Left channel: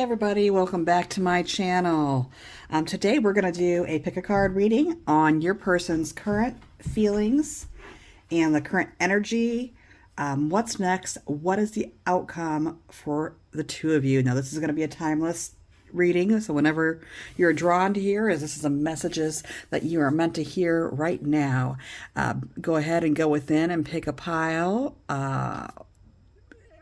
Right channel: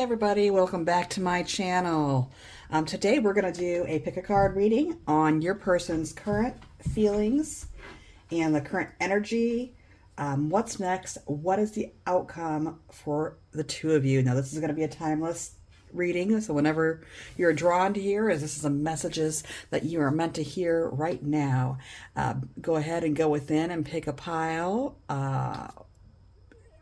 Hey everybody, welcome back to my channel. Today we're going to do a pick a card reading on your person's current feelings and the current energy. What's next? What is the outcome for the two of you? Now this is going to be a timeless reading, so whenever you're drawn to hear, as this is a messages that you are meant to hear right now, go ahead and go within and pick a pile.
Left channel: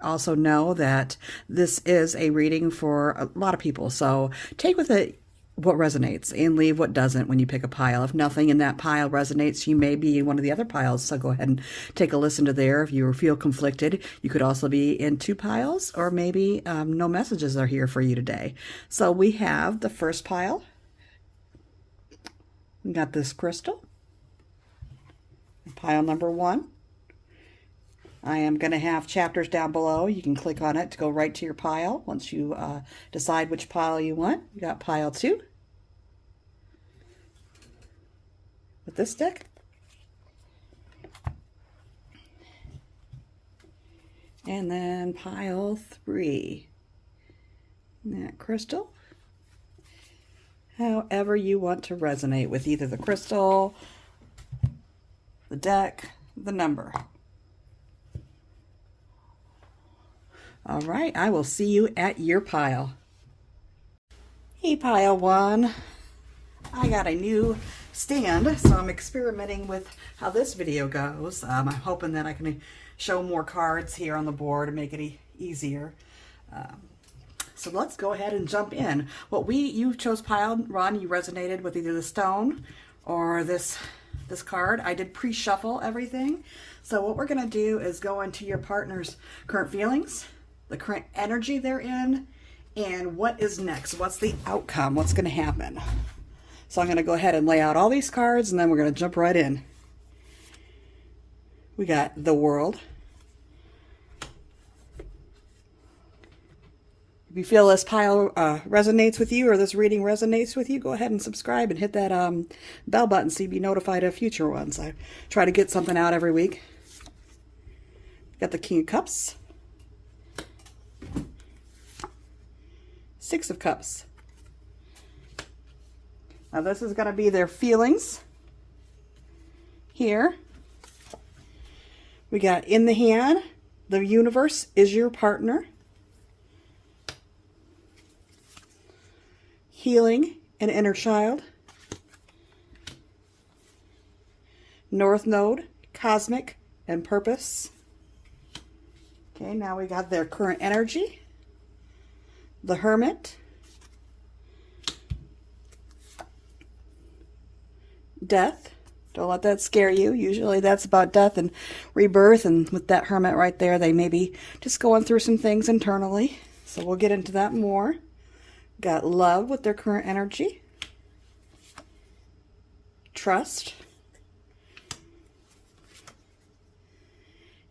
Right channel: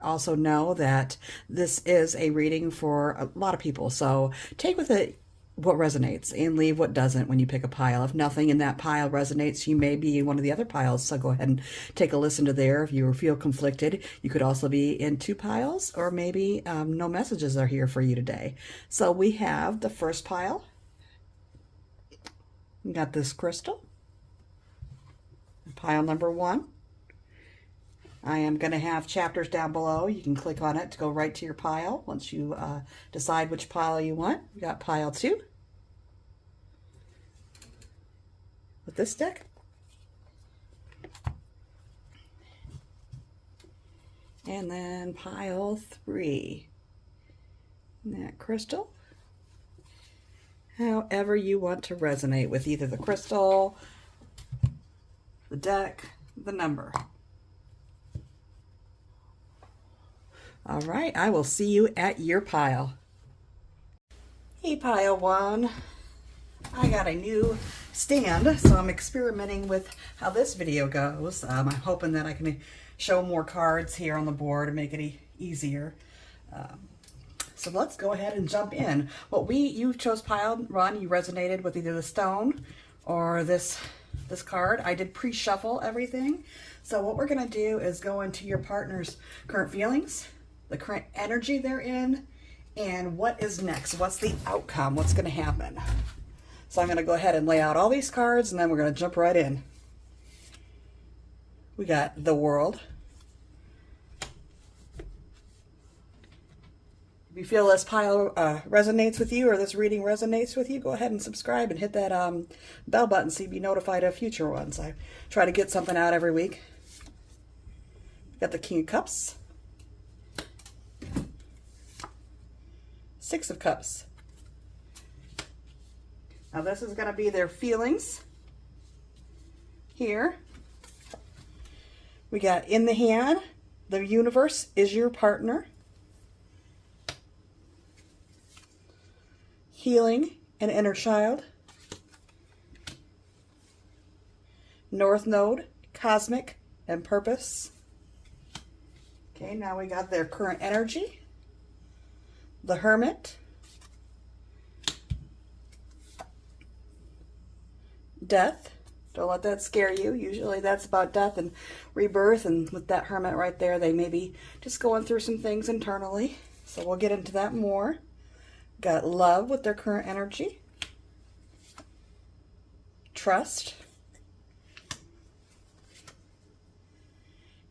Also know that this is a reading for a lot of people, so take with it what resonates and leave what doesn't when you pick a pile. If nothing in that pile resonates, you may be in one of the other piles, so go ahead and take a listen to there. If you feel conflicted, you could also be in two piles, or maybe no messages are here for you today. So we have the first pile. We got this crystal, pile number 1. I am going to have chapters down below. You can click on it to go right to your pile once you decide which pile you want. You got pile 2 with this deck. And then pile 3. That crystal. However you want to resonate with either the crystal, the deck, the number. All right, I will see you at your pile. Hey, pile 1. I got a new stand, so I'm experimenting with how this video goes. I'm hoping that I can show more cards here on the board and make it easier. So let's go ahead and jump in. You chose pile 1. You resonated with either the stone or this card. I did pre-shuffle everything. So what we're going to do is go into your partner's current feelings, the current energy they're in, and what is next. What's the outcome? What's going to happen? So I'm going to go ahead and lay out all these cards, and then we're going to jump right in. We got the World. If you feel this pile resonates with you, or this reading resonates with you, go ahead and subscribe and hit that bell button so you be notified of future ones. I try to get something out every week. Got the King of Cups. 6 of Cups. Now this is going to be their feelings. Here we got in the hand, the universe is your partner. Healing and inner child. North Node, cosmic and purpose. Okay, now we got their current energy. The Hermit, death. Don't let that scare you. Usually that's about death and rebirth, and with that Hermit right there, they may be just going through some things internally. So we'll get into that more. Got Love with their current energy. Trust.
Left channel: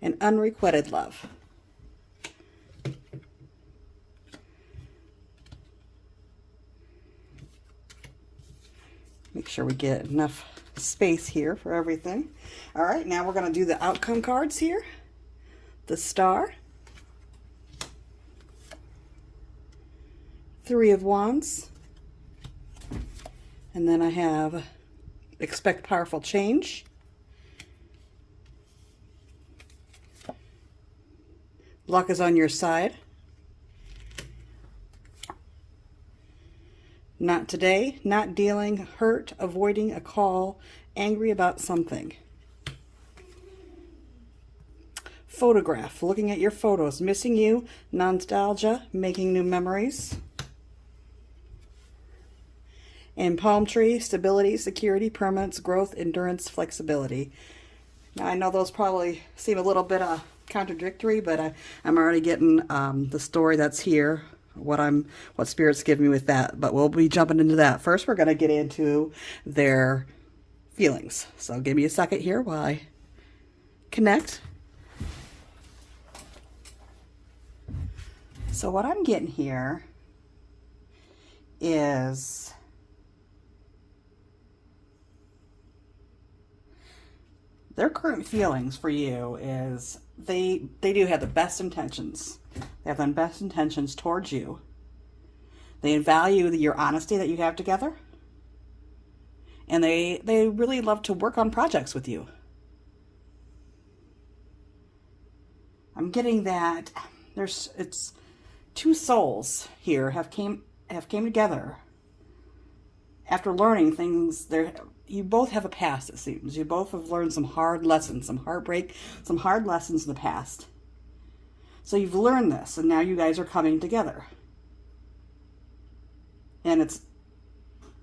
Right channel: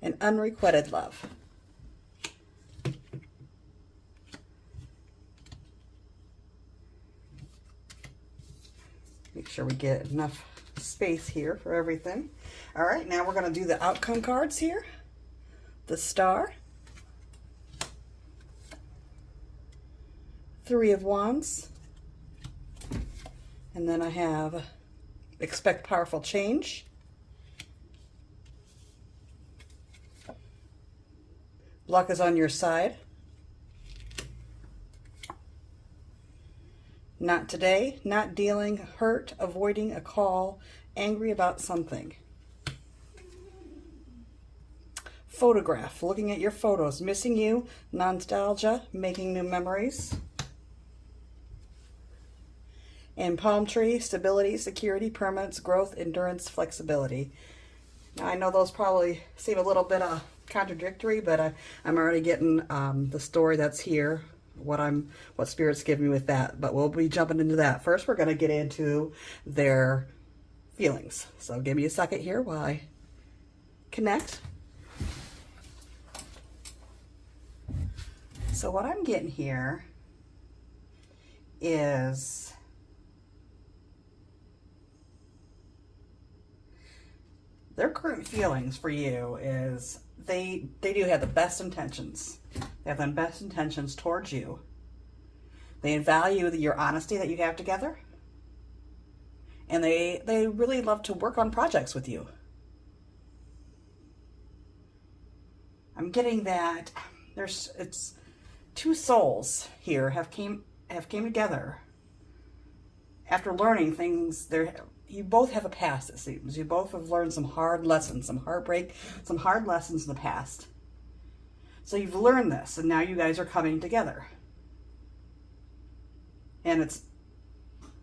And unrequited love. Make sure we get enough space here for everything. All right, now we're going to do the outcome cards here. The Star. 3 of Wands. And then I have Expect Powerful Change. Luck is on your side. Not today, not dealing, hurt, avoiding a call, angry about something. Photograph, looking at your photos, missing you, nostalgia, making new memories. And Palm Tree, stability, security, permanence, growth, endurance, flexibility. Now I know those probably seem a little bit contradictory, but I'm already getting the story that's here. What Spirit's give me with that, but we'll be jumping into that. First, we're going to get into their feelings. So give me a second here while I connect. So what I'm getting here is their current feelings for you is they do have the best intentions. They have the best intentions towards you. They value your honesty that you have together. And they really love to work on projects with you. I'm getting that it's two souls here have came together after learning things. You both have a past, it seems. You both have learned some hard lessons, some heartbreak, some hard lessons in the past. So you've learned this, and now you guys are coming together. And it's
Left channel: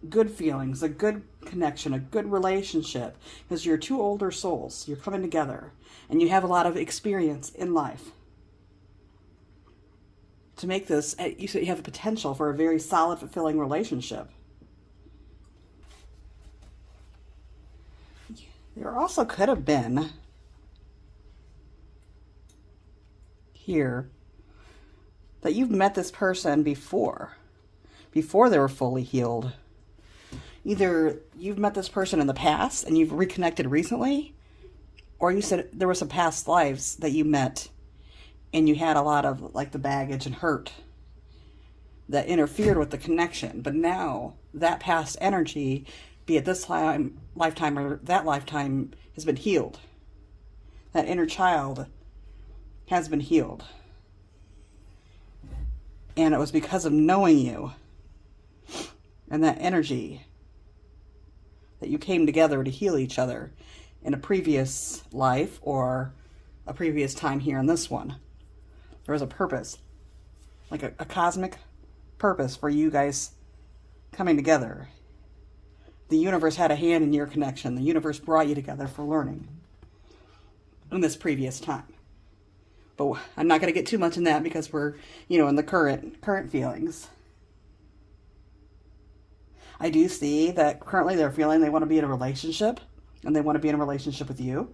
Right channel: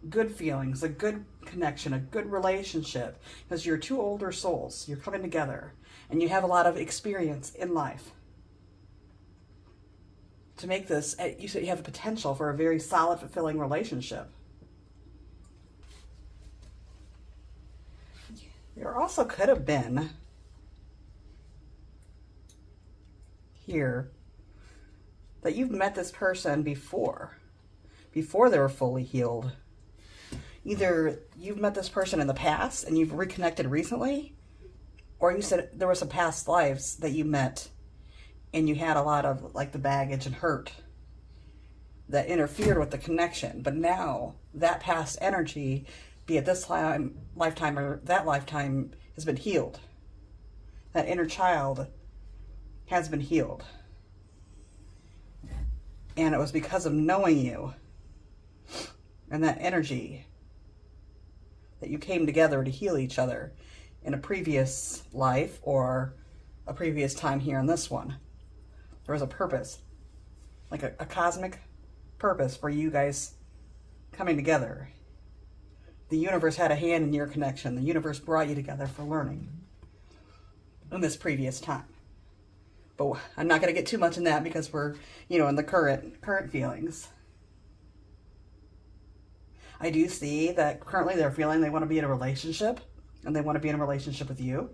good feelings, a good connection, a good relationship, because you're two older souls. You're coming together, and you have a lot of experience in life. To make this, you have a potential for a very solid, fulfilling relationship. There also could have been here that you've met this person before they were fully healed. Either you've met this person in the past and you've reconnected recently, or you said there were some past lives that you met and you had a lot of like the baggage and hurt that interfered with the connection. But now that past energy, be it this lifetime or that lifetime, has been healed. That inner child has been healed. And it was because of knowing you and that energy that you came together to heal each other in a previous life or a previous time here in this one. There was a purpose, like a cosmic purpose for you guys coming together. The universe had a hand in your connection. The universe brought you together for learning in this previous time. But I'm not going to get too much in that because we're, in the current feelings. I do see that currently they're feeling they want to be in a relationship, and they want to be in a relationship with you.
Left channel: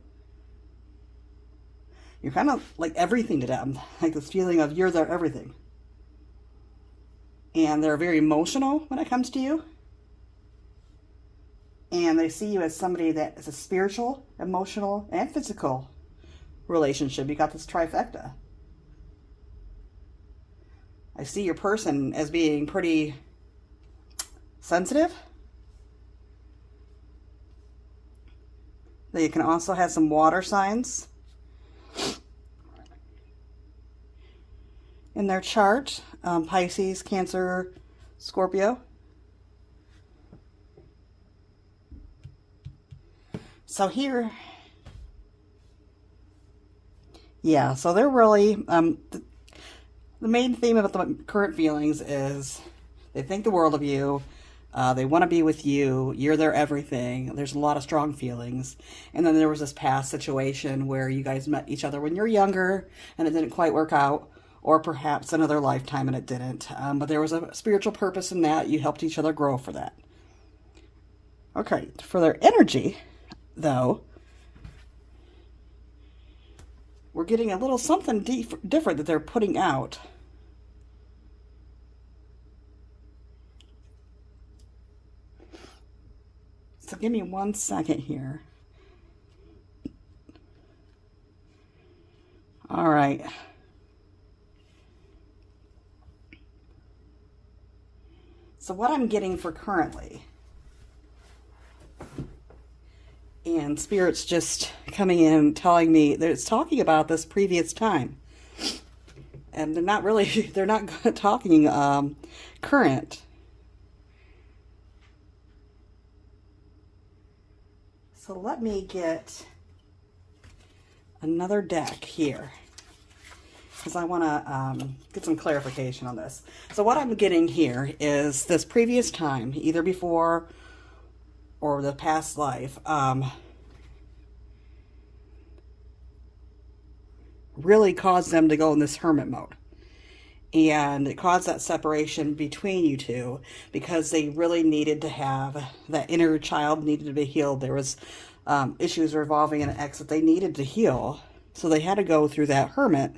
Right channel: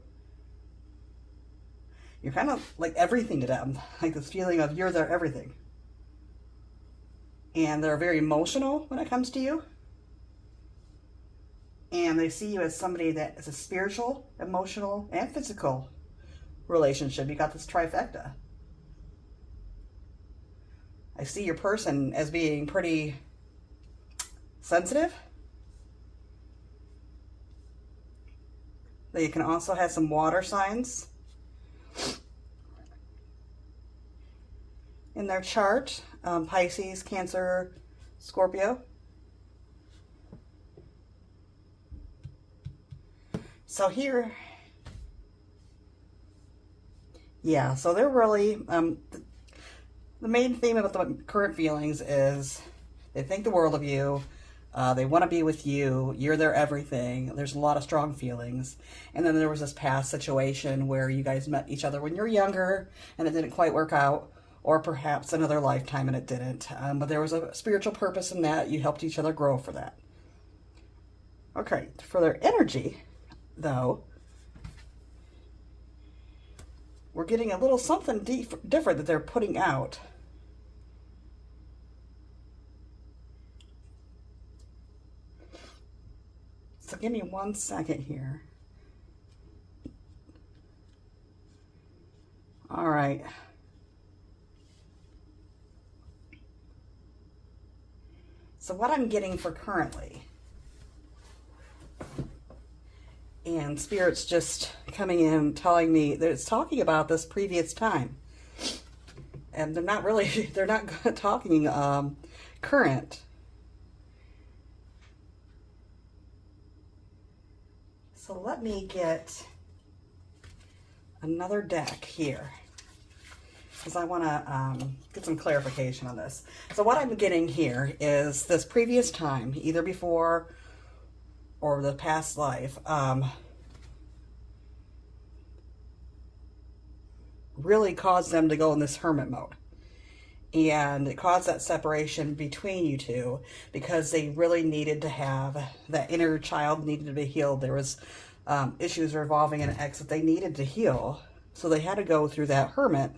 You're kind of like everything to them, like this feeling of you're their everything. And they're very emotional when it comes to you. And they see you as somebody that is a spiritual, emotional, and physical relationship. You got this trifecta. I see your person as being pretty sensitive. They can also have some water signs in their chart. Pisces, Cancer, Scorpio. So here, yeah, so they're really, the main theme about the current feelings is they think the world of you. They want to be with you. You're their everything. There's a lot of strong feelings. And then there was this past situation where you guys met each other when you're younger and it didn't quite work out, or perhaps another lifetime and it didn't. But there was a spiritual purpose in that. You helped each other grow for that. Okay, for their energy, though, we're getting a little something different that they're putting out. So give me 1 second here. All right. So what I'm getting for currently, and Spirit's just coming in telling me that it's talking about this previous time. And they're not talking current. So let me get another deck here, because I want to get some clarification on this. So what I'm getting here is this previous time, either before or the past life, really caused them to go in this hermit mode. And it caused that separation between you two because they really needed to have, that inner child needed to be healed. There was issues revolving an ex that they needed to heal. So they had to go through that hermit,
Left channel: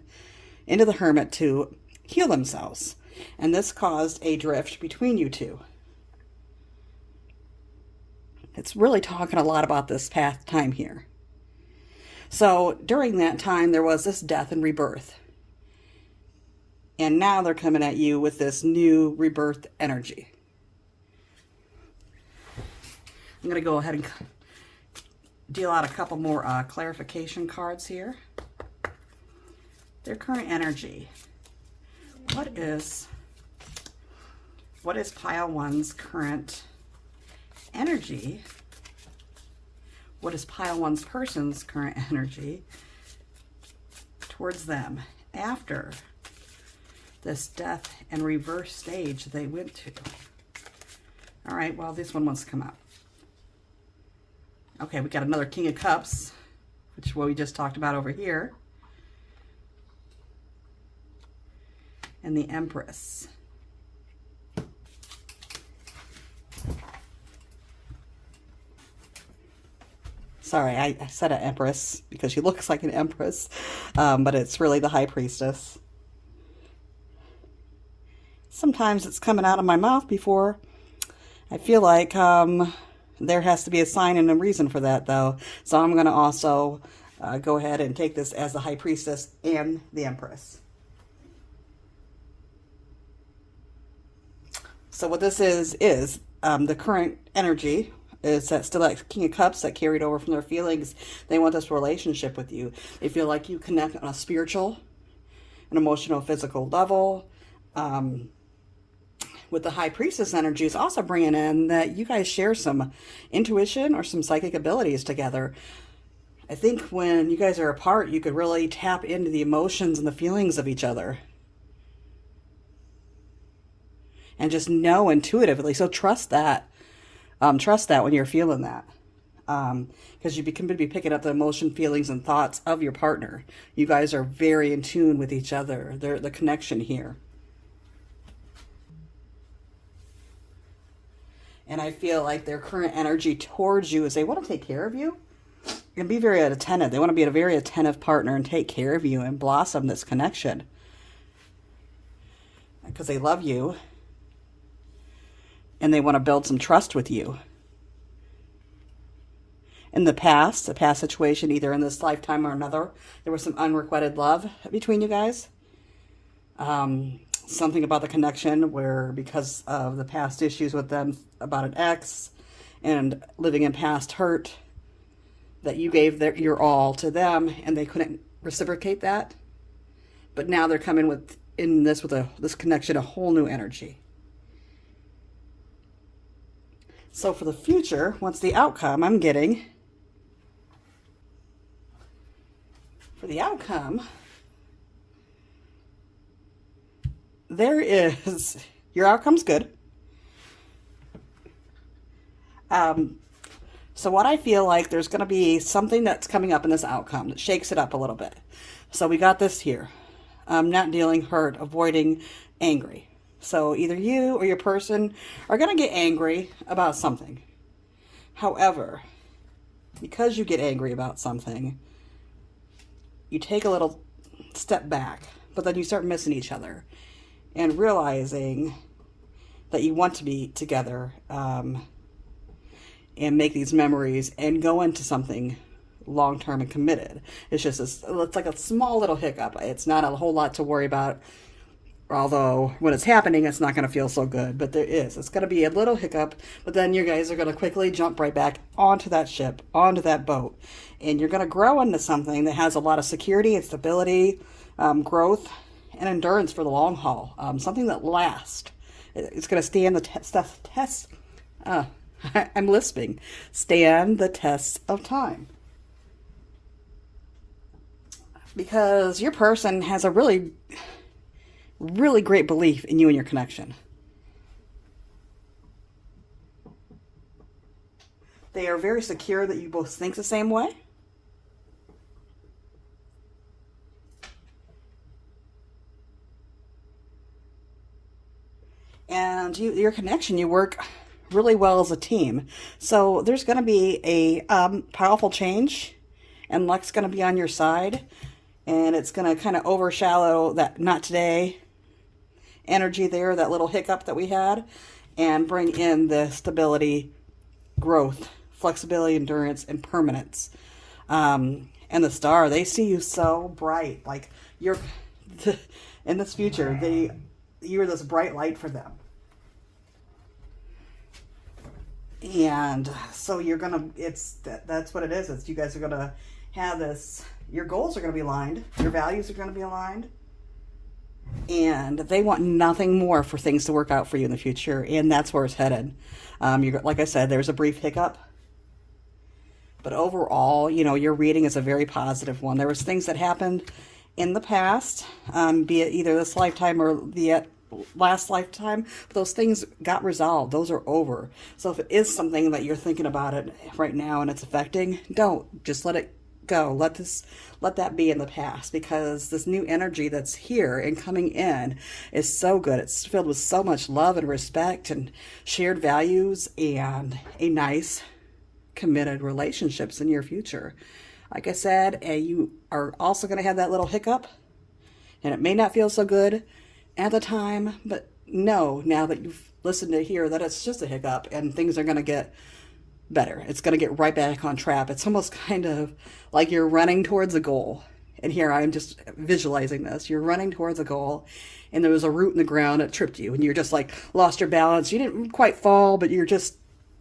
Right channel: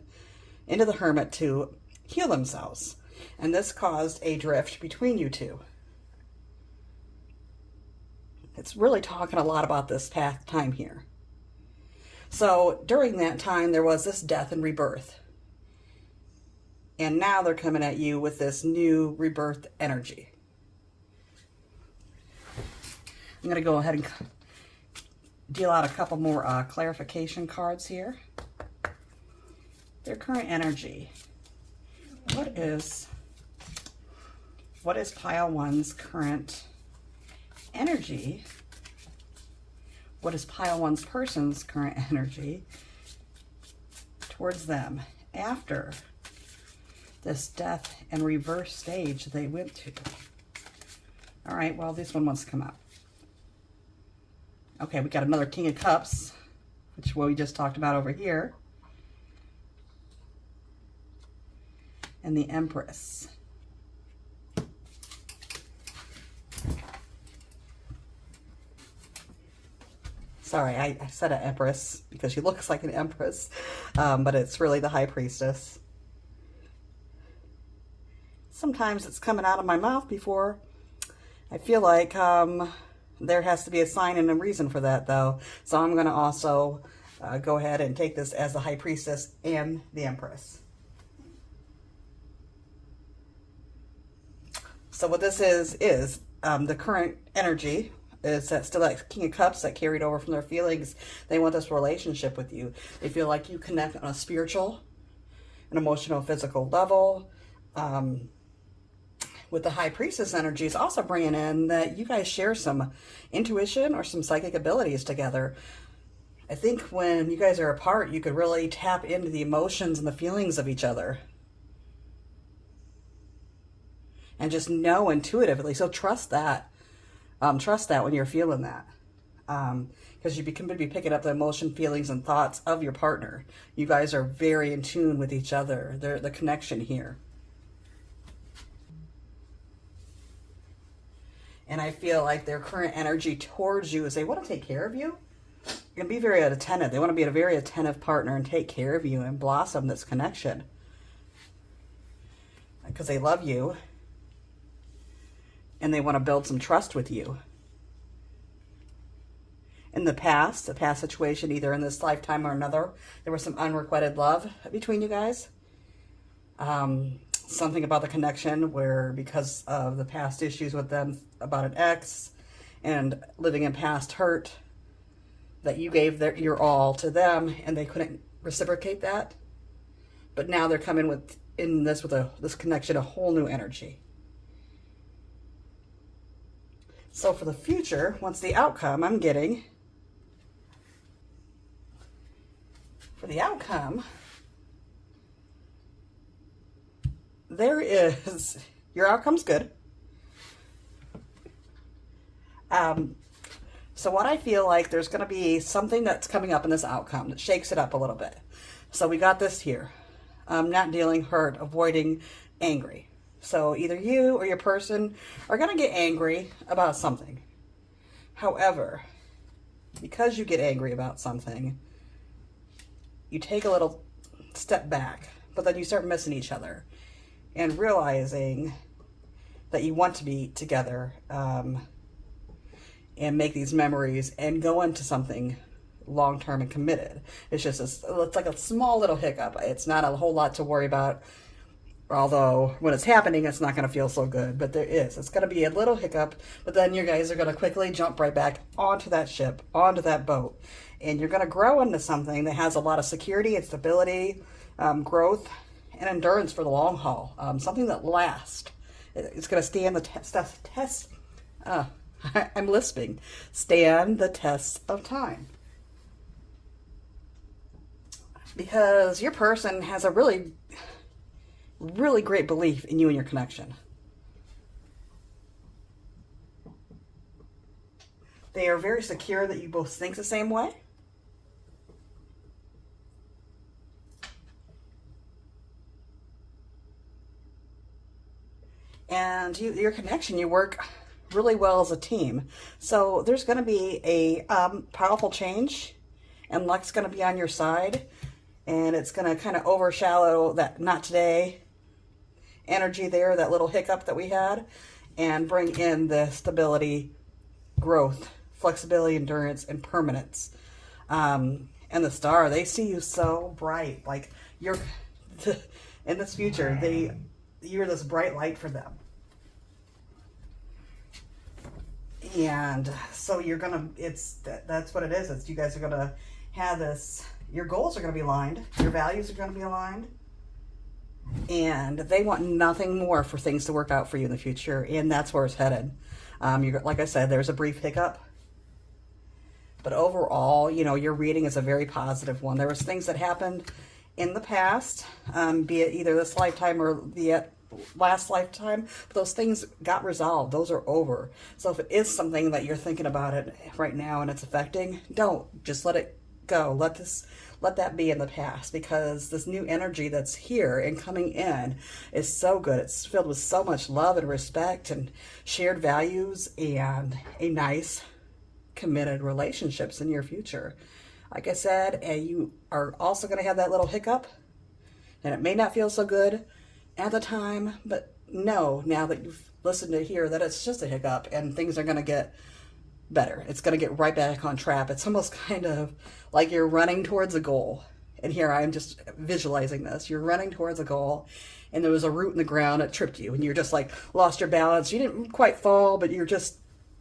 into the hermit to heal themselves. And this caused a drift between you two. It's really talking a lot about this past time here. So during that time, there was this death and rebirth. And now they're coming at you with this new rebirth energy. I'm going to go ahead and deal out a couple more clarification cards here. Their current energy. What is pile one's current energy? What is pile one's person's current energy towards them after this death and reverse stage they went to? All right, well, this one wants to come out. Okay, we got another King of Cups, which is what we just talked about over here. And the Empress. Sorry, I said an Empress because she looks like an Empress, but it's really the High Priestess. Sometimes it's coming out of my mouth before I feel like there has to be a sign and a reason for that, though. So I'm going to also go ahead and take this as the High Priestess and the Empress. So what this is the current energy is that still that King of Cups that carried over from their feelings. They want this relationship with you. They feel like you connect on a spiritual, an emotional, physical level. With the High Priestess energy is also bringing in that you guys share some intuition or some psychic abilities together. I think when you guys are apart, you could really tap into the emotions and the feelings of each other. And just know intuitively. So trust that. Trust that when you're feeling that. Because you can be picking up the emotion, feelings, and thoughts of your partner. You guys are very in tune with each other. The connection here. And I feel like their current energy towards you is they want to take care of you and be very attentive. They want to be a very attentive partner and take care of you and blossom this connection. Because they love you and they want to build some trust with you. In the past situation, either in this lifetime or another, there was some unrequited love between you guys. Something about the connection where because of the past issues with them about an ex and living in past hurt, that you gave your all to them and they couldn't reciprocate that. But now they're coming with this connection, a whole new energy. So for the future, what's the outcome I'm getting? For the outcome, your outcome's good. So what I feel like there's going to be something that's coming up in this outcome that shakes it up a little bit. So we got this here. Not dealing, hurt, avoiding, angry. So either you or your person are going to get angry about something. However, because you get angry about something, you take a little step back, but then you start missing each other. And realizing that you want to be together and make these memories and go into something long-term and committed. It's just it's like a small little hiccup. It's not a whole lot to worry about, although when it's happening, it's not going to feel so good. But it's going to be a little hiccup, but then you guys are going to quickly jump right back onto that ship, onto that boat. And you're going to grow into something that has a lot of security and stability, growth, and endurance for the long haul. Something that lasts. It's going to stand the test. I'm lisping. Stand the test of time. Because your person has a really, really great belief in you and your connection. They are very secure that you both think the same way. And your connection, you work really well as a team. So there's going to be a powerful change, and luck's going to be on your side, and it's going to kind of overshadow that not today energy there, that little hiccup that we had, and bring in the stability, growth, flexibility, endurance, and permanence. And the star, they see you so bright, like in this future. You're this bright light for them. And so you're gonna, that's what it is. It's you guys are gonna have this, your goals are gonna be aligned, your values are gonna be aligned, and they want nothing more for things to work out for you in the future, and that's where it's headed. Like I said, there's a brief hiccup, but overall, you know, your reading is a very positive one. There was things that happened in the past, be it either this lifetime or the last lifetime, but those things got resolved. Those are over. So if it is something that you're thinking about it right now and it's affecting, don't. Just let it go. Let that be in the past, because this new energy that's here and coming in is so good. It's filled with so much love and respect and shared values and a nice, committed relationships in your future. Like I said, you are also going to have that little hiccup, and it may not feel so good at the time, but know now that you've listened to here that it's just a hiccup and things are going to get better. It's going to get right back on track. It's almost kind of like you're running towards a goal. And here I'm just visualizing this. You're running towards a goal, and there was a root in the ground that tripped you, and you're just like lost your balance. You didn't quite fall, but you're just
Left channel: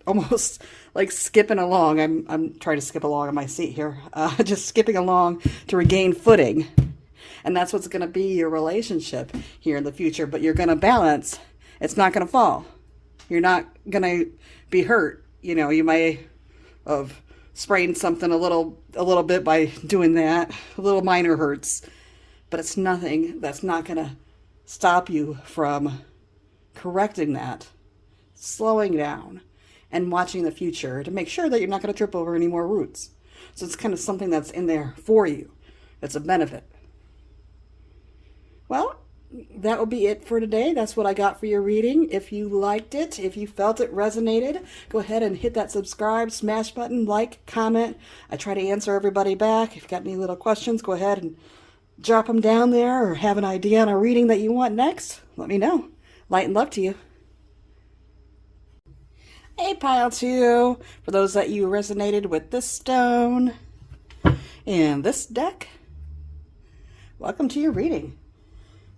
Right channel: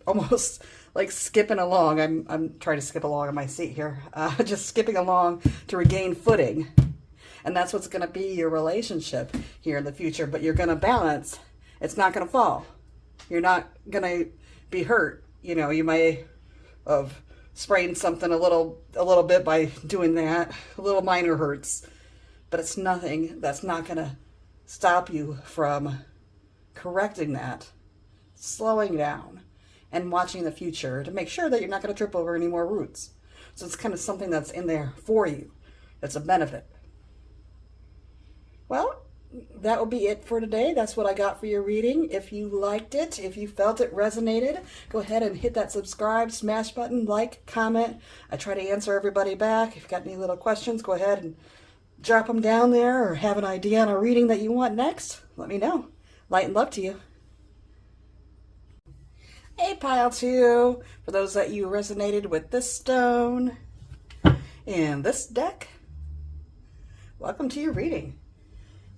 almost like skipping along. I'm trying to skip along in my seat here, just skipping along to regain footing. And that's what's going to be your relationship here in the future. But you're going to balance. It's not going to fall. You're not going to be hurt. You know, you might have sprained something a little bit by doing that. A little minor hurts. But it's nothing. That's not going to stop you from correcting that, slowing down, and watching the future to make sure that you're not going to trip over any more roots. So it's kind of something that's in there for you. It's a benefit. Well, that will be it for today. That's what I got for your reading. If you liked it, if you felt it resonated, go ahead and hit that subscribe, smash button, like, comment. I try to answer everybody back. If you've got any little questions, go ahead and drop them down there, or have an idea on a reading that you want next, let me know. Light and love to you. Hey, Pile 2, for those that you resonated with this stone and this deck, welcome to your reading.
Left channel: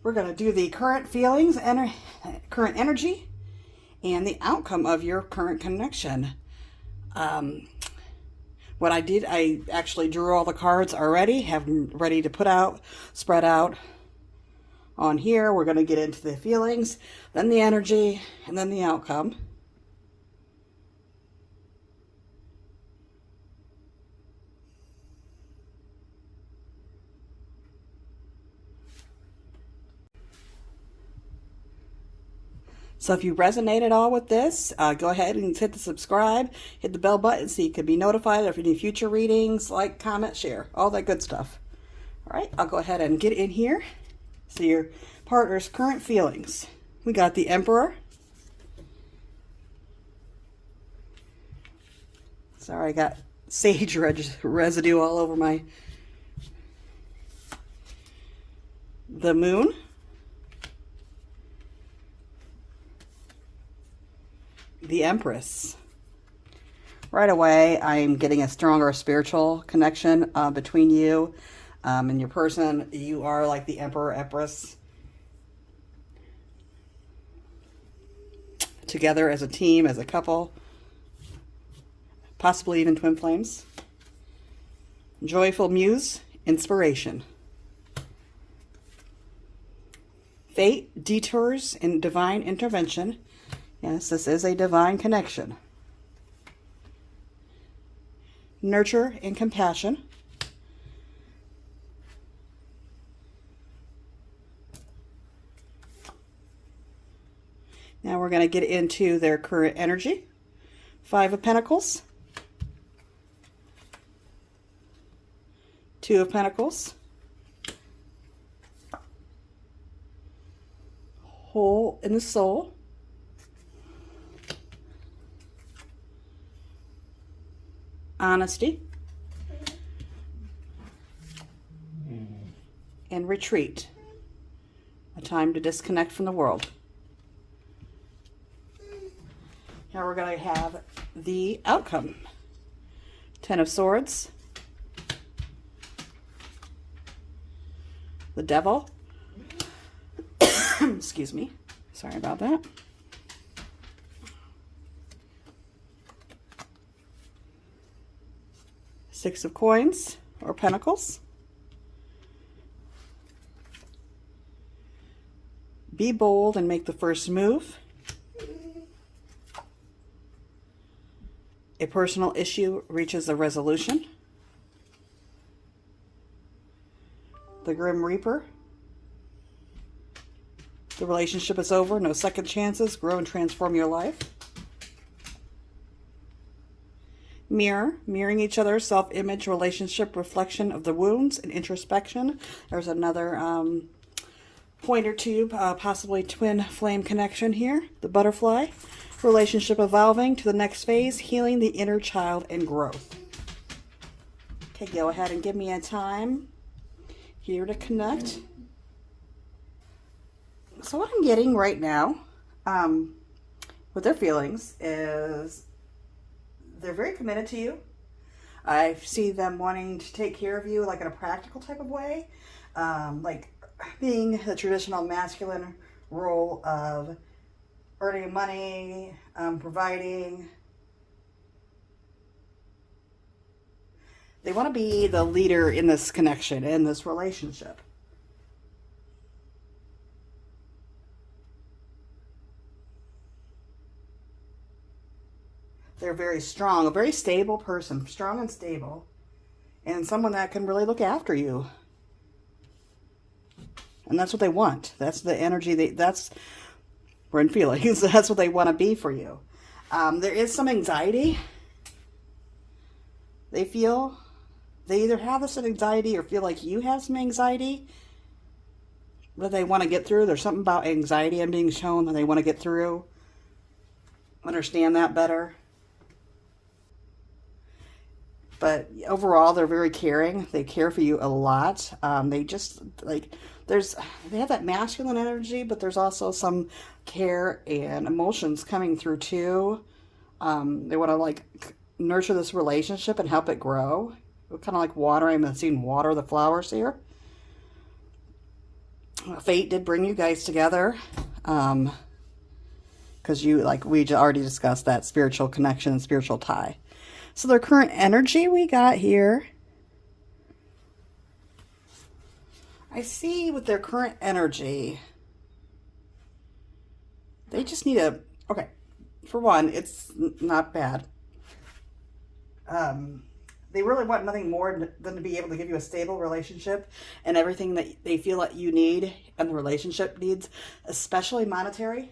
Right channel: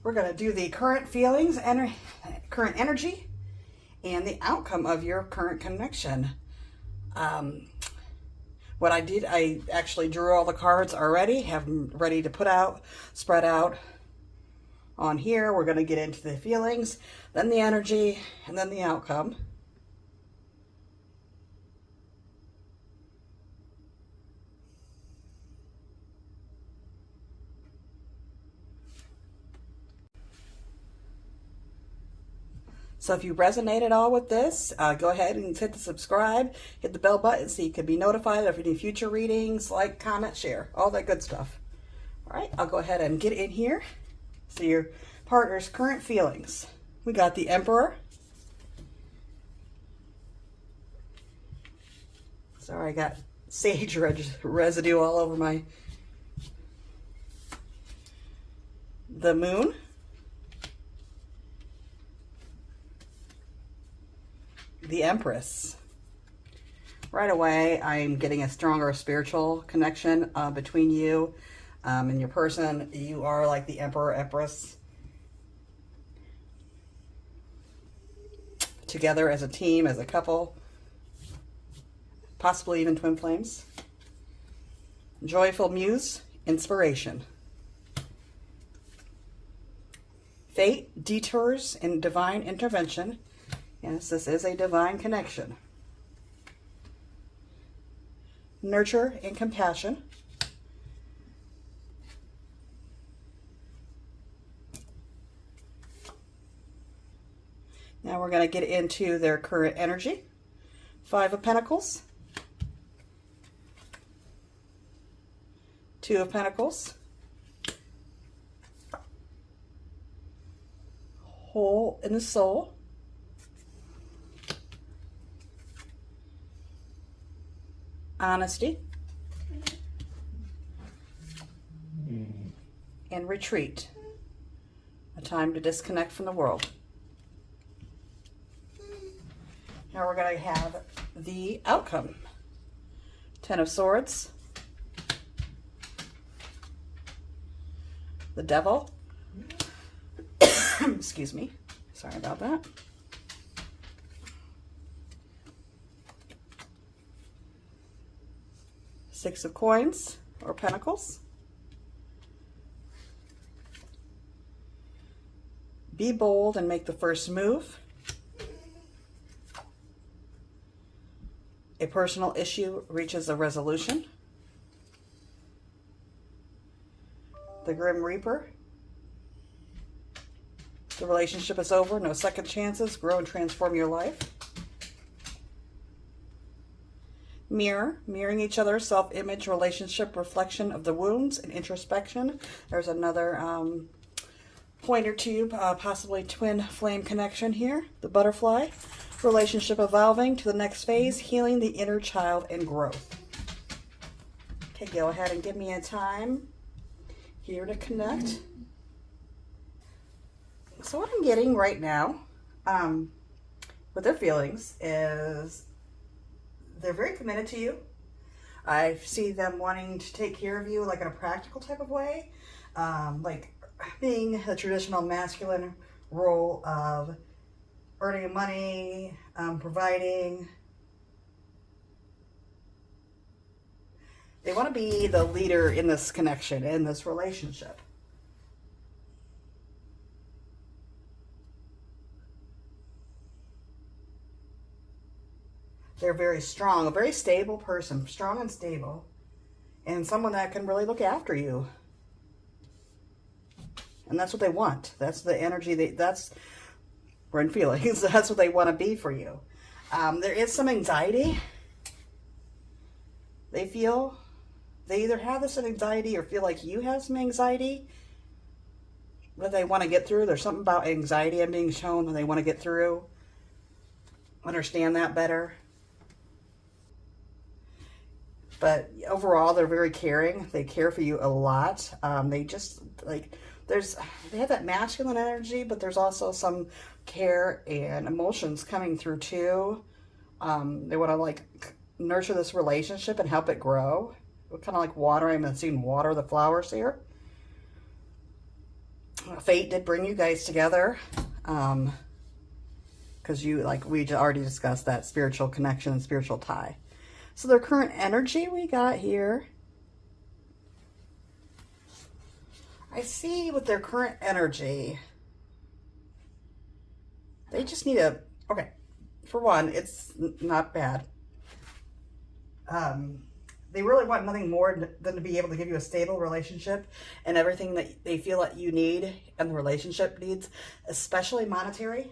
We're going to do the current feelings, current energy, and the outcome of your current connection. What I did, I actually drew all the cards already, have them ready to put out, spread out on here. We're going to get into the feelings, then the energy, and then the outcome. So if you resonate at all with this, go ahead and hit the subscribe, hit the bell button so you can be notified of any future readings, like, comment, share, all that good stuff. All right, I'll go ahead and get in here. So your partner's current feelings. We got the Emperor. Sorry, I got sage residue all over the Moon. The Empress. Right away, I'm getting a stronger spiritual connection between you and your person. You are like the Emperor, Empress. Together as a team, as a couple. Possibly even twin flames. Joyful Muse, inspiration. Fate, detours, and divine intervention. Yes, this is a divine connection. Nurture and compassion. Now we're going to get into their current energy. 5 of Pentacles. 2 of Pentacles. Hole in the soul. Honesty, and retreat, a time to disconnect from the world. Now we're going to have the outcome. 10 of Swords, the Devil, Excuse me. Sorry about that. Six of Coins or Pentacles. Be bold and make the first move. A personal issue reaches a resolution. The Grim Reaper. The relationship is over. No second chances. Grow and transform your life. Mirror. Mirroring each other. Self-image, relationship, reflection of the wounds, and introspection. There's another pointer tube, possibly twin flame connection here. The Butterfly. Relationship evolving to the next phase. Healing the inner child and growth. Okay, go ahead and give me a time here to connect. So what I'm getting right now with their feelings is they're very committed to you. I see them wanting to take care of you like in a practical type of way, like being the traditional masculine role of earning money, providing. They want to be the leader in this connection, in this relationship. They're very strong, a very stable person, strong and stable, and someone that can really look after you. And that's what they want. That's the energy, we're in feelings. That's what they want to be for you. There is some anxiety they feel. They either have this anxiety or feel like you have some anxiety that they want to get through. There's something about anxiety and being shown that they want to get through. Understand that better. But overall, they're very caring. They care for you a lot. They just, like, they have that masculine energy, but there's also some care and emotions coming through too. They want to, like, nurture this relationship and help it grow. Kind of like watering. I'm seeing water the flowers here. Fate did bring you guys together. Because you, like we already discussed, that spiritual connection and spiritual tie. So their current energy we got here. I see with their current energy, they just need a, okay, for one, it's not bad. They really want nothing more than to be able to give you a stable relationship and everything that they feel that you need and the relationship needs, especially monetary.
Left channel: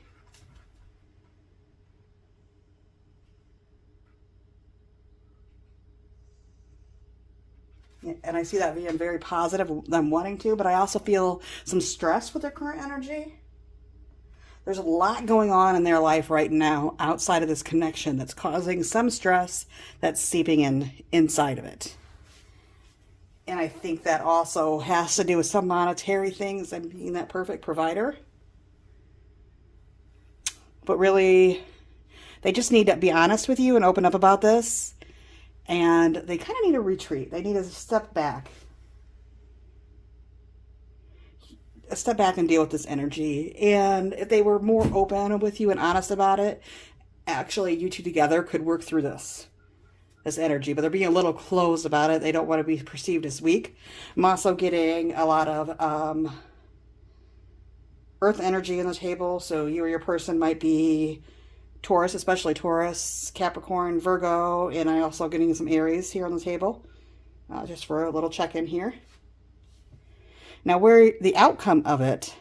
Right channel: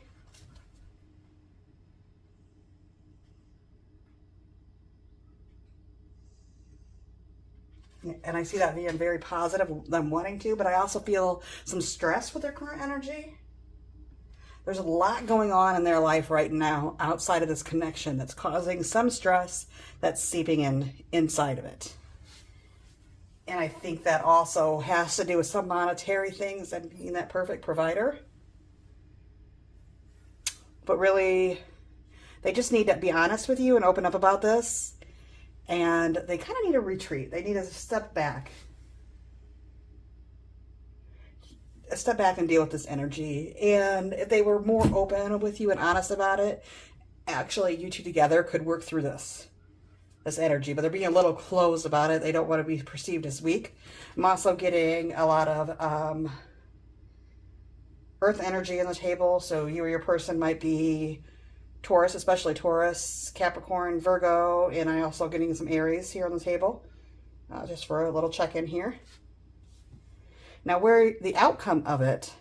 And I see that being very positive, them wanting to, but I also feel some stress with their current energy. There's a lot going on in their life right now outside of this connection that's causing some stress that's seeping inside of it. And I think that also has to do with some monetary things and being that perfect provider. But really, they just need to be honest with you and open up about this. And they kind of need a retreat. They need to step back. Step back and deal with this energy. And if they were more open with you and honest about it, actually you two together could work through this energy. But they're being a little closed about it. They don't want to be perceived as weak. I'm also getting a lot of earth energy in the table. So you or your person might be Taurus, especially Taurus, Capricorn, Virgo, and I also getting some Aries here on the table. Just for a little check-in here. Now, where the outcome of it,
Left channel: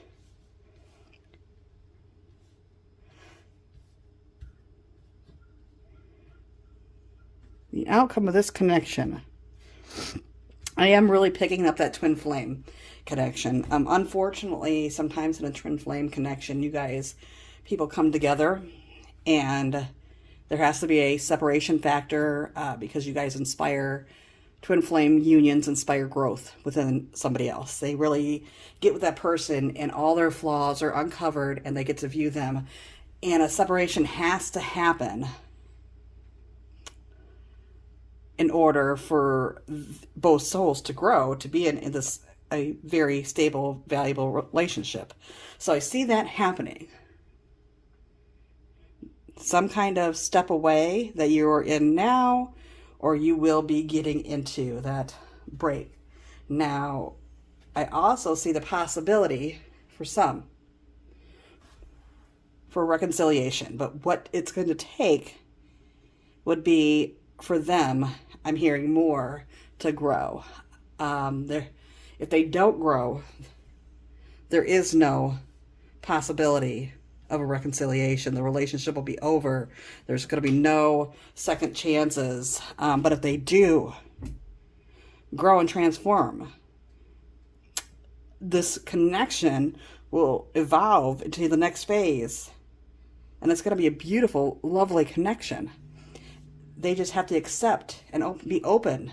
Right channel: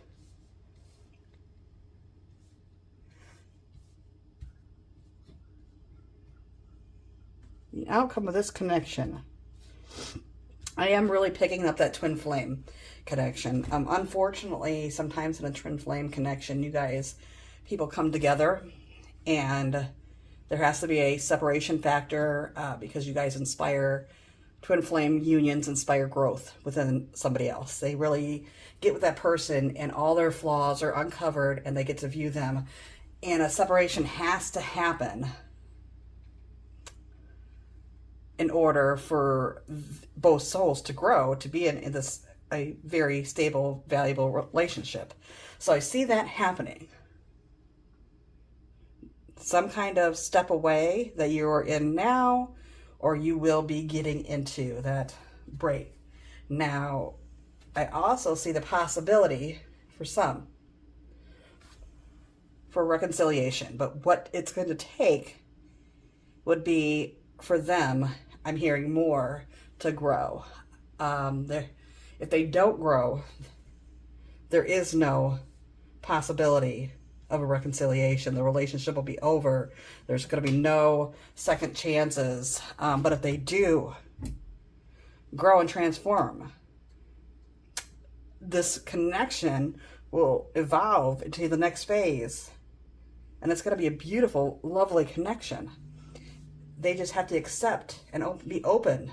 the outcome of this connection, I am really picking up that twin flame connection. Unfortunately, sometimes in a twin flame connection, people come together and there has to be a separation factor because you guys inspire. Twin flame unions inspire growth within somebody else. They really get with that person and all their flaws are uncovered and they get to view them. And a separation has to happen in order for both souls to grow, to be in this a very stable, valuable relationship. So I see that happening. Some kind of step away that you're in now, or you will be getting into that break. Now, I also see the possibility for some for reconciliation, but what it's going to take would be for them, I'm hearing more, to grow. If they don't grow, there is no possibility of a reconciliation. The relationship will be over. There's going to be no second chances. But if they do grow and transform, this connection will evolve into the next phase. And it's going to be a beautiful, lovely connection. They just have to accept and be open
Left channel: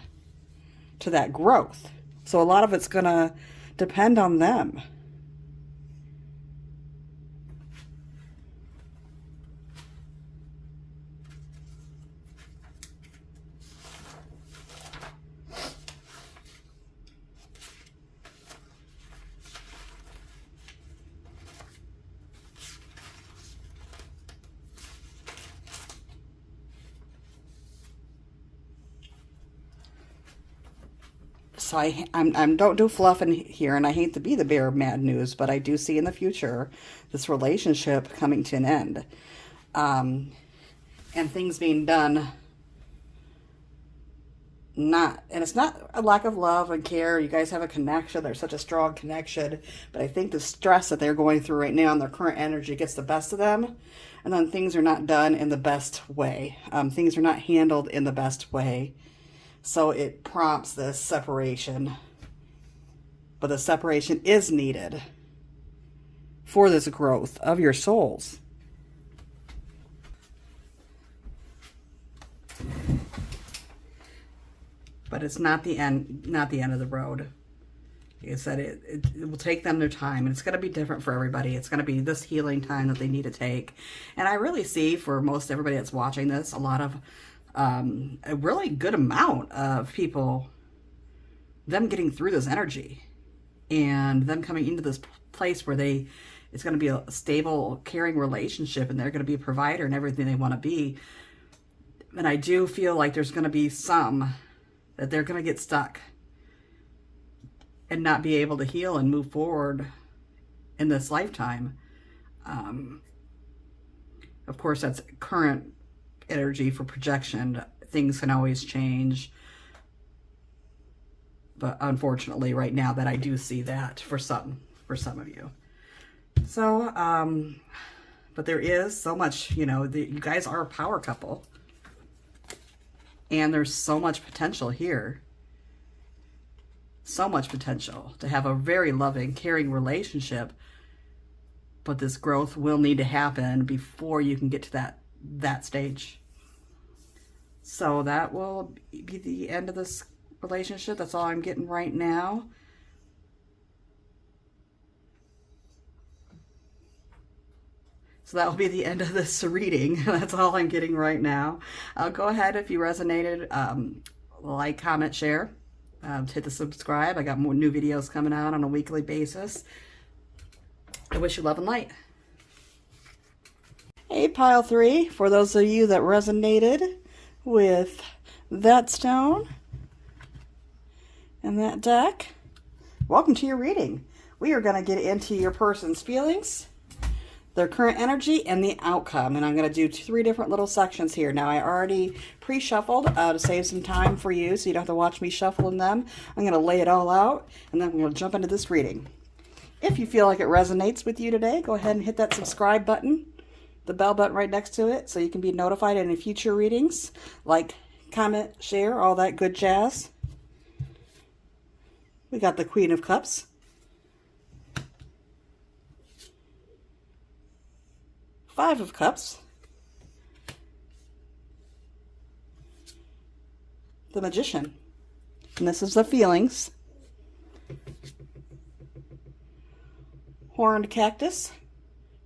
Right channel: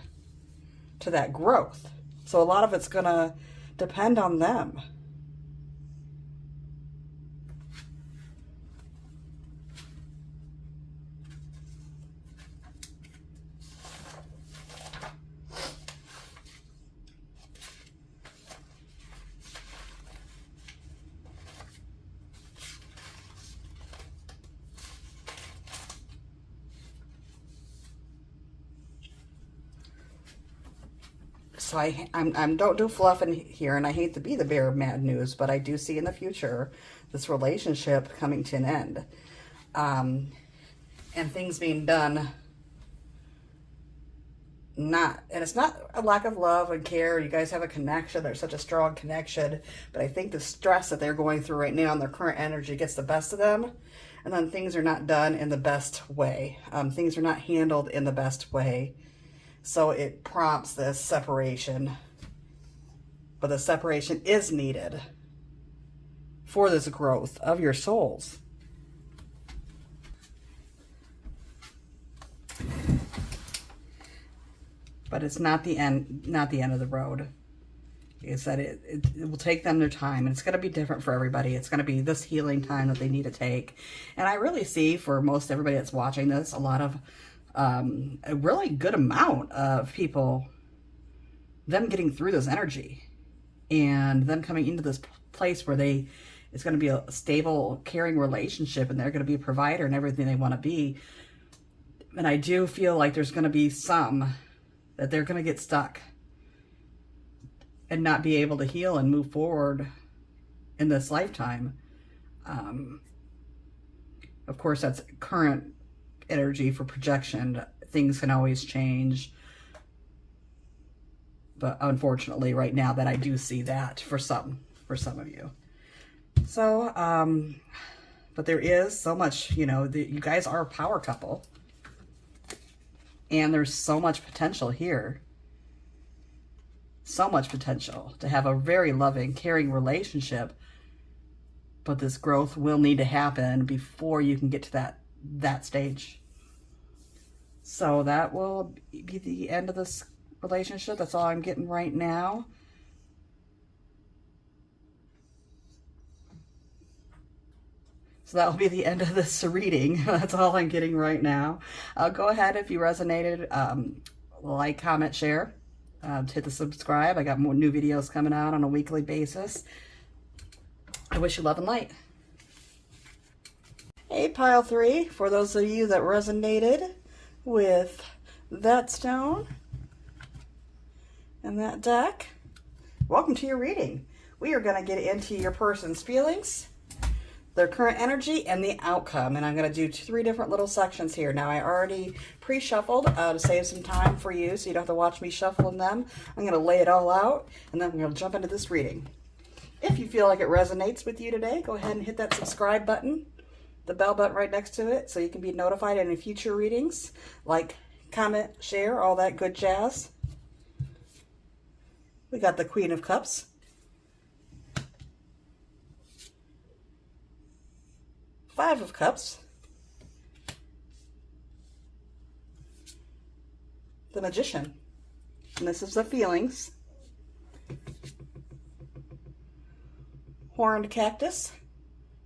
to that growth. So a lot of it's going to depend on them. So I'm don't do fluff in here, and I hate to be the bearer of mad news, but I do see in the future this relationship coming to an end, and things being done. And it's not a lack of love and care. You guys have a connection. There's such a strong connection, but I think the stress that they're going through right now and their current energy gets the best of them, and then things are not done in the best way. Things are not handled in the best way. So it prompts this separation. But the separation is needed for this growth of your souls. But it's not the end of the road. Like I said, it will take them their time, and it's going to be different for everybody. It's going to be this healing time that they need to take. And I really see for most everybody that's watching this, a lot of a really good amount of people, them getting through this energy and them coming into this place where it's going to be a stable, caring relationship, and they're going to be a provider and everything they want to be. And I do feel like there's going to be some that they're going to get stuck and not be able to heal and move forward in this lifetime. Of course, that's current energy for projection. Things can always change, but unfortunately right now that I do see that for some of you. So but there is so much, you guys are a power couple, and there's so much potential here, so much potential to have a very loving, caring relationship, but this growth will need to happen before you can get to that stage. So that will be the end of this relationship. That's all I'm getting right now. So that will be the end of this reading. That's all I'm getting right now. Go ahead, if you resonated, like, comment, share, hit the subscribe. I got more new videos coming out on a weekly basis. I wish you love and light. Hey, pile 3, for those of you that resonated with that stone and that deck, welcome to your reading. We are going to get into your person's feelings, their current energy, and the outcome. And I'm going to do 3 different little sections here. Now, I already pre-shuffled to save some time for you, so you don't have to watch me shuffling them. I'm going to lay it all out, and then I'm going to jump into this reading. If you feel like it resonates with you today, go ahead and hit that subscribe button, the bell button right next to it, so you can be notified of any future readings. Like, comment, share, all that good jazz. We got the Queen of Cups. Five of Cups. The Magician. And this is the feelings. Horned Cactus.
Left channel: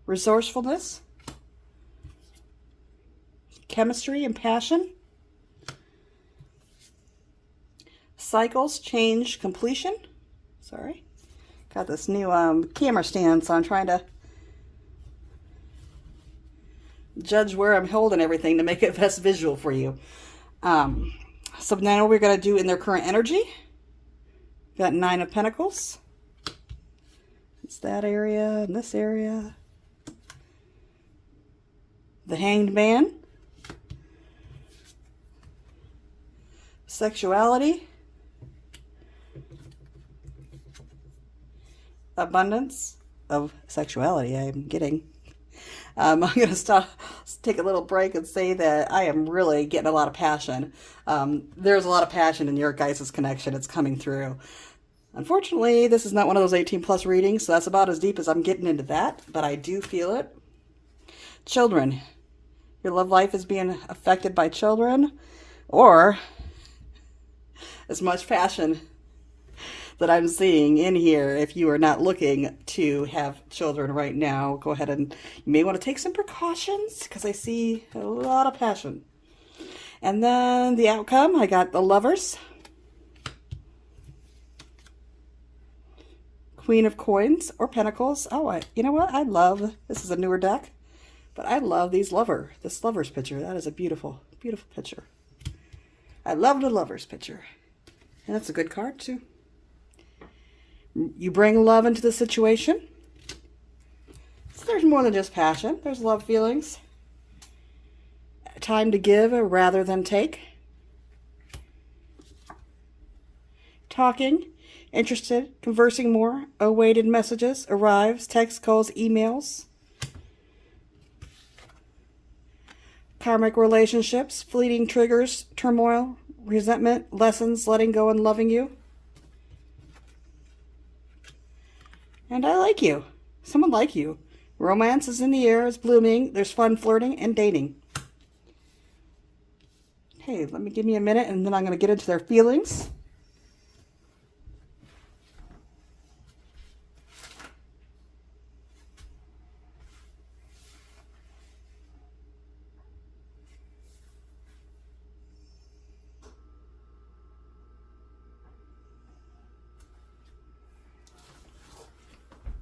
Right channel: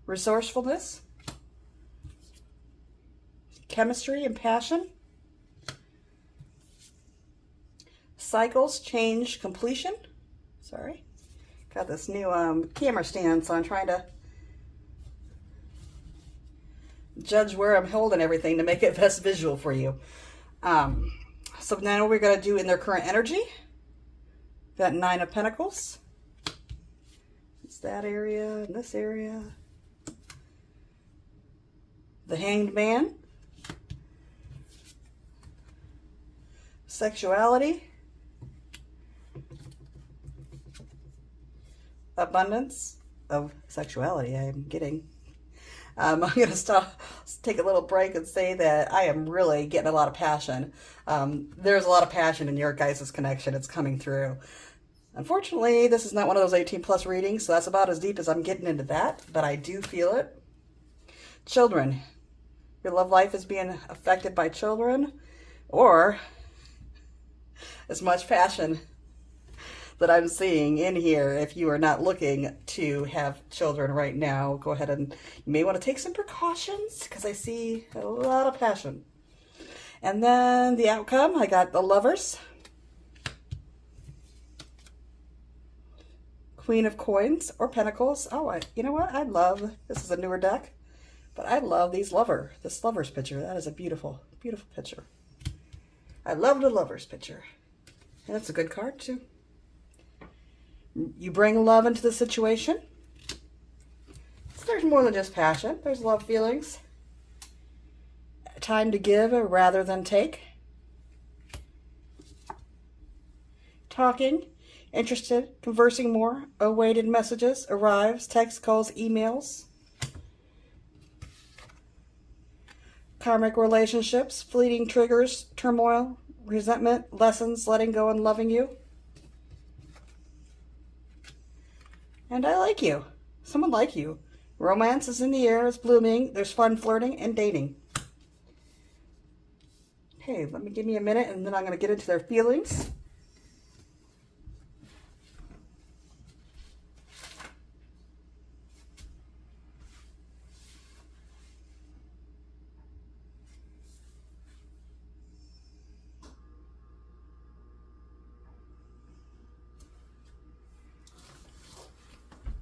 Resourcefulness. Chemistry and passion. Cycles, change, completion. Sorry. Got this new camera stand, so I'm trying to judge where I'm holding everything to make it best visual for you. So now we're going to do in their current energy. Got 9 of Pentacles. It's that area and this area. The Hanged Man. Sexuality. Abundance of sexuality, I'm getting. I'm going to take a little break and say that I am really getting a lot of passion. There's a lot of passion in your guys' connection. It's coming through. Unfortunately, this is not one of those 18 plus readings, so that's about as deep as I'm getting into that, but I do feel it. Children. Your love life is being affected by children, or as much passion that I'm seeing in here. If you are not looking to have children right now, go ahead and you may want to take some precautions, because I see a lot of passion. And then the outcome, I got the Lovers, Queen of Coins or Pentacles. Oh, you know what? I love, this is a newer deck, but I love this Lovers picture. That is a beautiful, beautiful picture. I love the Lovers picture. And that's a good card too. You bring love into the situation. So there's more than just passion. There's love feelings. Time to give rather than take. Talking, interested, conversing more, awaited messages, arrives, text, calls, emails. Karmic relationships, fleeting triggers, turmoil, resentment, lessons, letting go and loving you. And I like you. Someone like you. Romance is in the air, is blooming. There's fun flirting and dating. Okay, give me a minute and then I'm going to get into their feelings.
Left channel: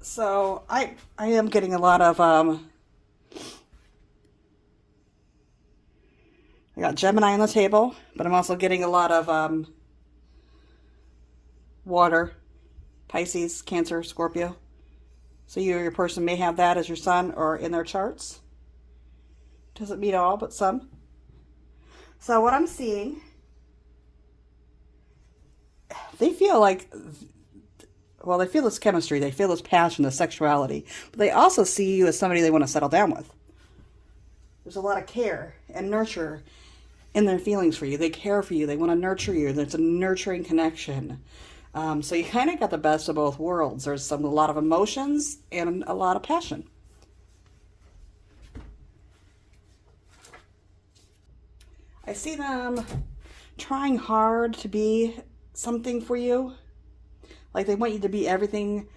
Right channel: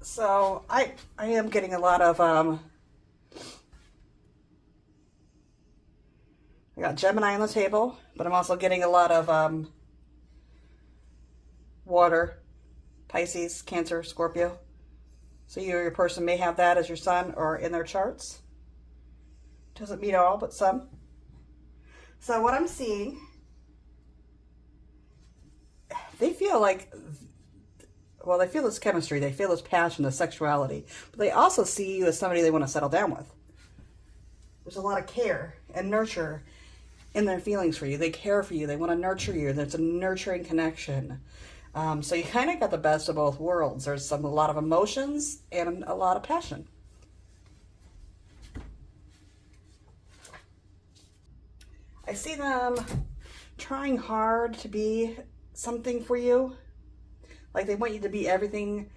So I am getting a lot of, I got Gemini on the table, but I'm also getting a lot of water, Pisces, Cancer, Scorpio. So you or your person may have that as your sun or in their charts. Doesn't mean all, but some. So what I'm seeing, they feel like, well, they feel this chemistry, they feel this passion, this sexuality, but they also see you as somebody they want to settle down with. There's a lot of care and nurture in their feelings for you. They care for you. They want to nurture you. There's a nurturing connection. So you kind of got the best of both worlds. There's a lot of emotions and a lot of passion. I see them trying hard to be something for you. Like they want you to be everything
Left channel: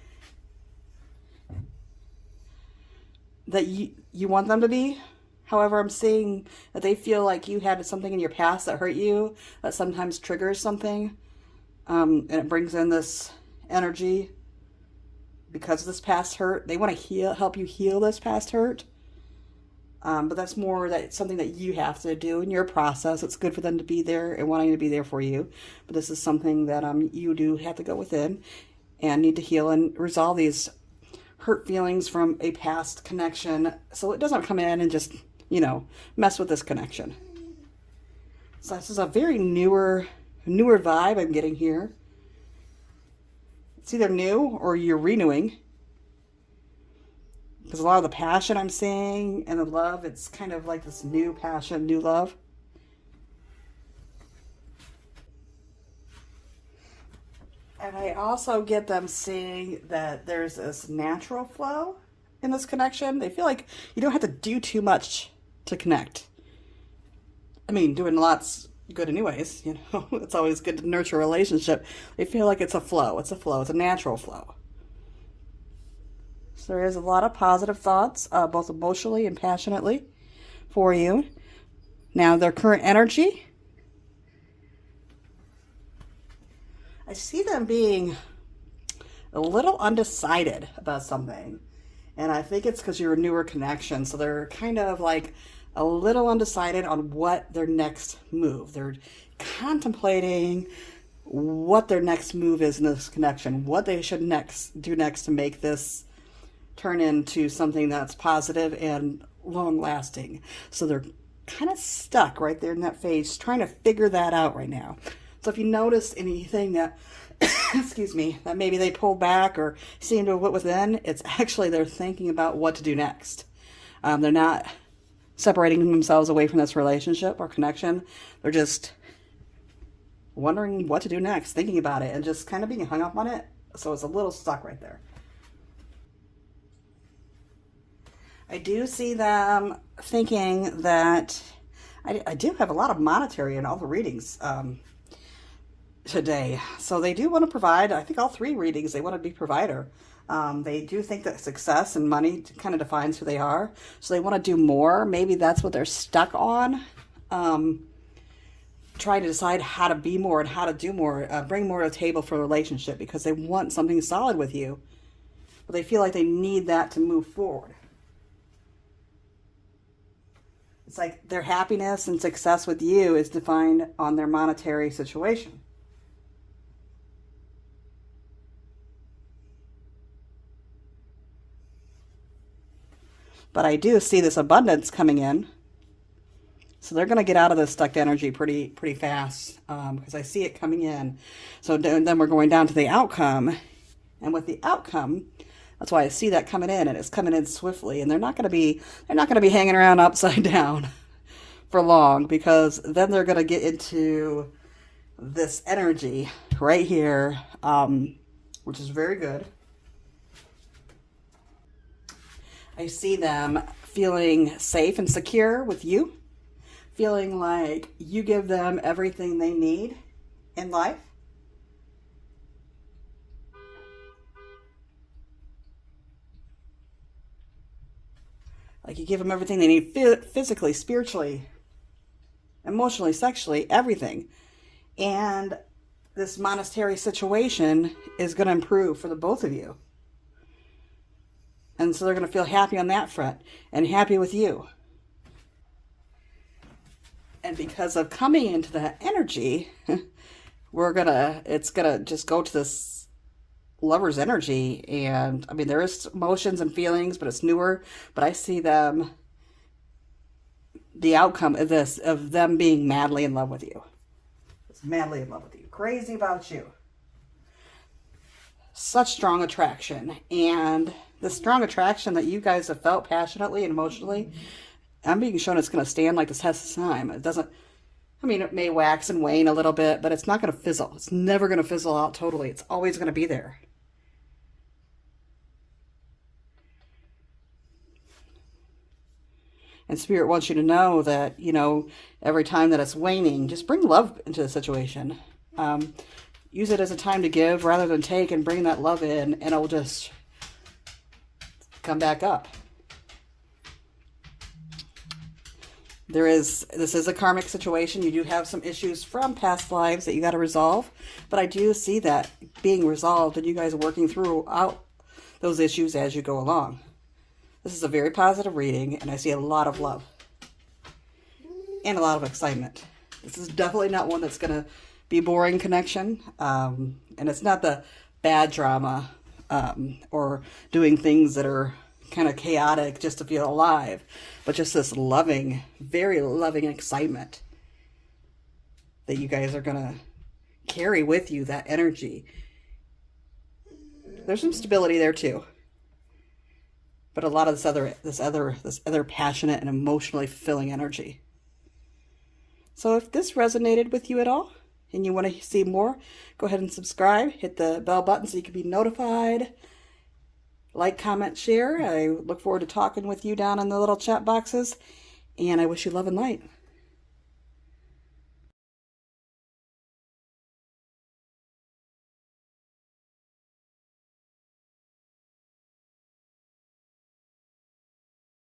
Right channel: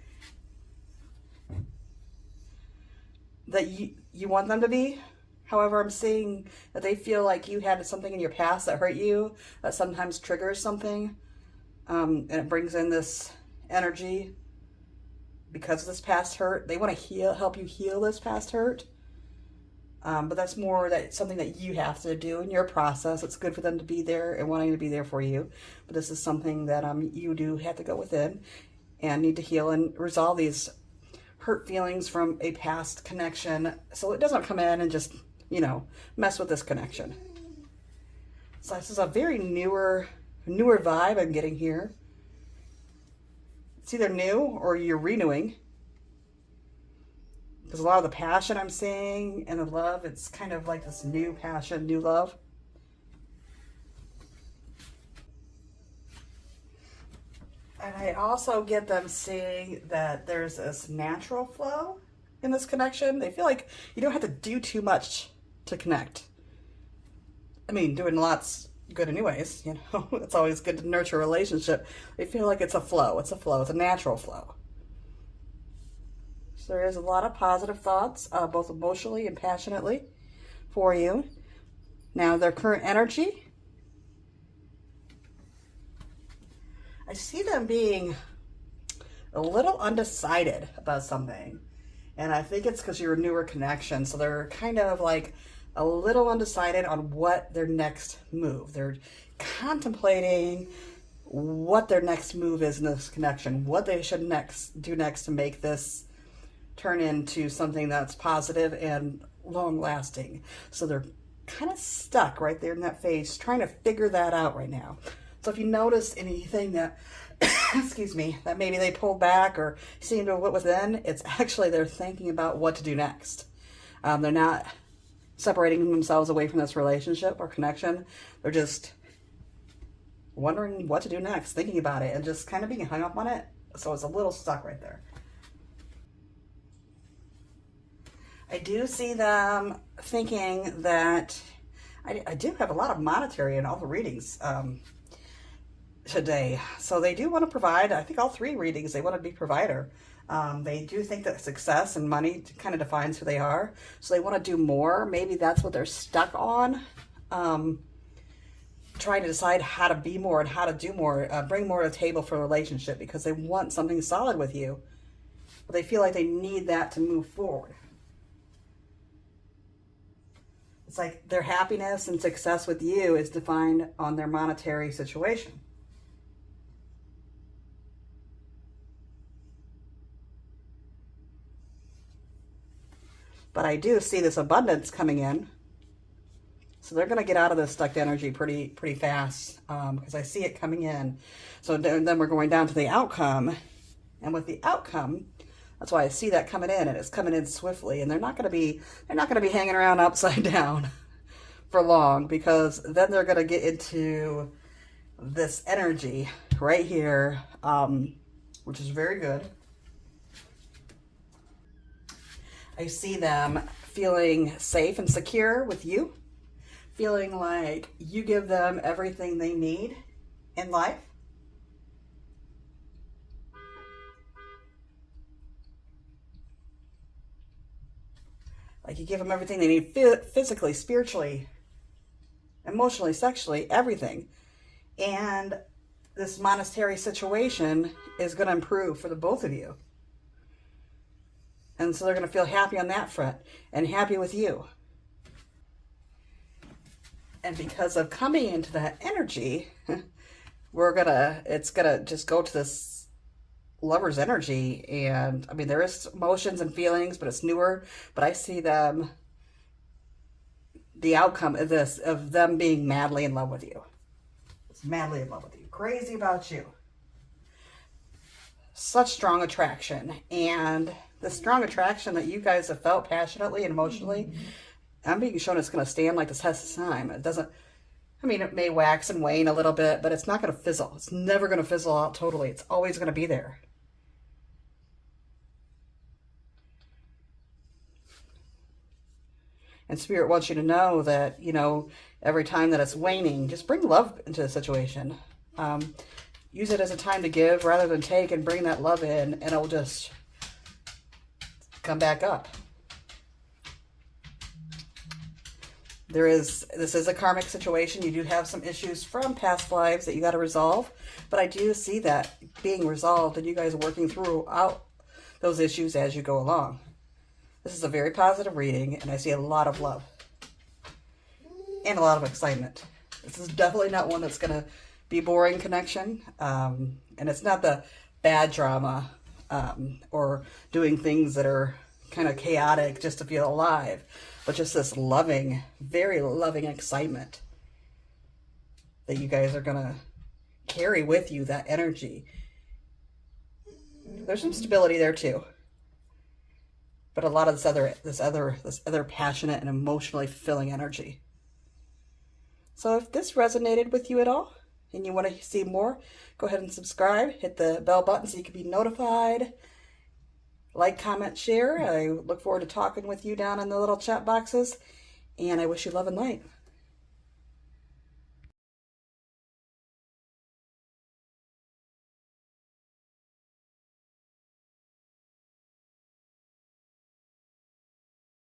that you want them to be. However, I'm seeing that they feel like you had something in your past that hurt you, that sometimes triggers something. And it brings in this energy because of this past hurt. They want to help you heal this past hurt. But that's more something that you have to do in your process. It's good for them to be there and wanting to be there for you. But this is something that you do have to go within and need to heal and resolve these hurt feelings from a past connection. So it doesn't come in and just, mess with this connection. So this is a very newer vibe I'm getting here. It's either new or you're renewing. Because a lot of the passion I'm seeing and the love, it's kind of like this new passion, new love. And I also get them seeing that there's this natural flow in this connection. They feel like you don't have to do too much to connect. I mean, doing lots good anyways, It's always good to nurture a relationship. They feel like it's a flow. It's a natural flow. So there is a lot of positive thoughts, both emotionally and passionately for you. Now, their current energy, I see them being a little undecided about something. And I think it's because you're a newer connection. So they're kind of like a little undecided on what their next move. They're contemplating what their next move is in this connection, what they should do next to make this turn into something that's positive and long lasting. So they're kind of stuck right there in that phase, trying to figure that out right now. So if you notice anything that, excuse me, that maybe they pull back or seem to what was then, it's actually they're thinking about what to do next. They're not separating themselves away from this relationship or connection. They're just wondering what to do next, thinking about it, and just kind of being hung up on it. So it's a little stuck right there. I do see them thinking that I do have a lot of monetary in all the readings today. So they do want to provide. I think all three readings, they want to be provider. They do think that success and money kind of defines who they are. So they want to do more. Maybe that's what they're stuck on. Trying to decide how to be more and how to do more, bring more to the table for a relationship because they want something solid with you. But they feel like they need that to move forward. It's like their happiness and success with you is defined on their monetary situation. But I do see this abundance coming in. So they're going to get out of this stuck energy pretty fast because I see it coming in. So then we're going down to the outcome. And with the outcome, that's why I see that coming in, and it's coming in swiftly. And they're not going to be hanging around upside down for long, because then they're going to get into this energy right here, which is very good. I see them feeling safe and secure with you, feeling like you give them everything they need in life. Like you give them everything they need physically, spiritually, emotionally, sexually, everything. And this monastery situation is going to improve for the both of you. And so they're going to feel happy on that front and happy with you. And because of coming into that energy, it's going to just go to this lover's energy. And I mean, there is emotions and feelings, but it's newer. But I see them, the outcome of this, of them being madly in love with you. It's madly in love with you. Crazy about you. Such strong attraction. And the strong attraction that you guys have felt passionately and emotionally, I'm being shown it's going to stand like the test of time. It doesn't, I mean, it may wax and wane a little bit, but it's not going to fizzle. It's never going to fizzle out totally. It's always going to be there. And Spirit wants you to know that, you know, every time that it's waning, just bring love into the situation. Use it as a time to give rather than take, and bring that love in, and it'll just come back up. This is a karmic situation. You do have some issues from past lives that you got to resolve, but I do see that being resolved and you guys are working throughout those issues as you go along. This is a very positive reading, and I see a lot of love and a lot of excitement. This is definitely not one that's going to be boring connection, and it's not the bad drama or doing things that are kind of chaotic just to feel alive, but just this loving, very loving excitement that you guys are going to carry with you, that energy. There's some stability there too, but a lot of this other passionate and emotionally fulfilling energy. So if this resonated with you at all and you want to see more, go ahead and subscribe, hit the bell button so you can be notified. Like, comment, share. I look forward to talking with you down in the little chat boxes, and I wish you love and light.